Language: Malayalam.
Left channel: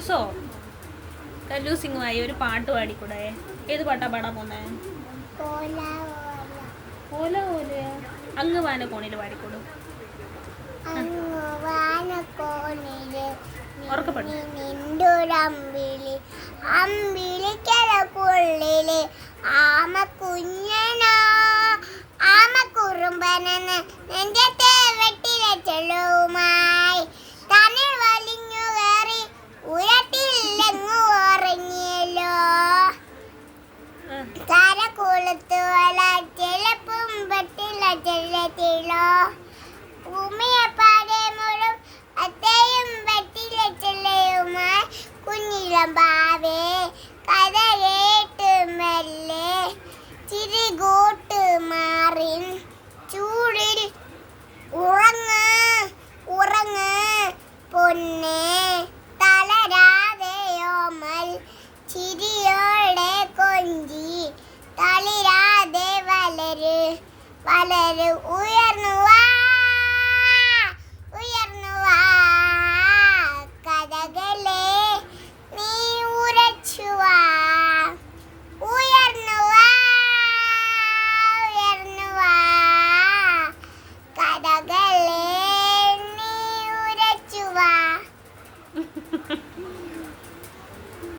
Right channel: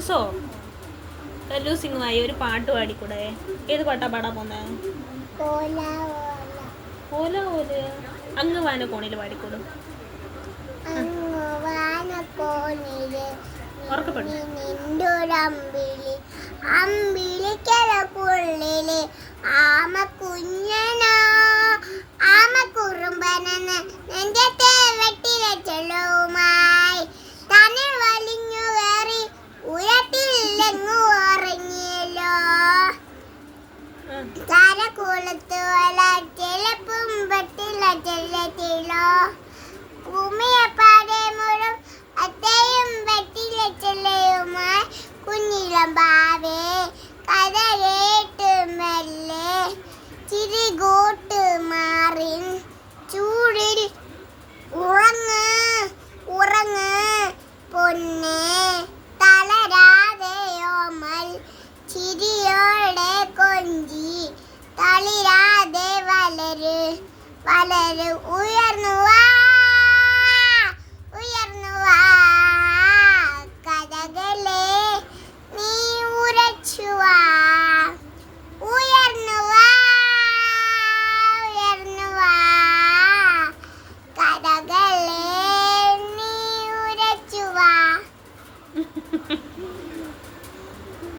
കല്ലൂസോ കല്ലൂസിങ്ങുമായി ഒരു പാട്ട് പാടിക്കൂടെ? ഏത് പാട്ടാ പാടാൻ പോന്നേ? ഓല ഓല അങ്ങ് വാന കോണിൽ പാടിക്കൂടും. ആമ കുഞ്ഞനോ ആമ കുറുമ്പനെന്ന് എന്റെ തേവട്ടിലെ ചെള്ളുമായി തന്നെ വലിഞ്ഞു കയറി ഉരട്ടില്ലെങ്ങു ഉറങ്ങിയല്ലോ. തല കൊളുത്തു വല ചെലപ്പും പറ്റില്ല ചെല്ലത്തില്ലോ. ഭൂമിയെ പാടെ മുഴും അത്തയും പറ്റില്ല ചെല്ലയുമായി കുഞ്ഞിലം പാവേ കഥ കേട്ട് മെല്ലെ ചിരികൂട്ട് മാറിൻ ചൂടിൽ ഉറങ്ങ് ഉറങ്ങ് പൊന്നെ തളരാതെയോമൽ ചിരിയോടെ കൊഞ്ചി തളിരാതെ വളര് വളര് ഉയർന്നു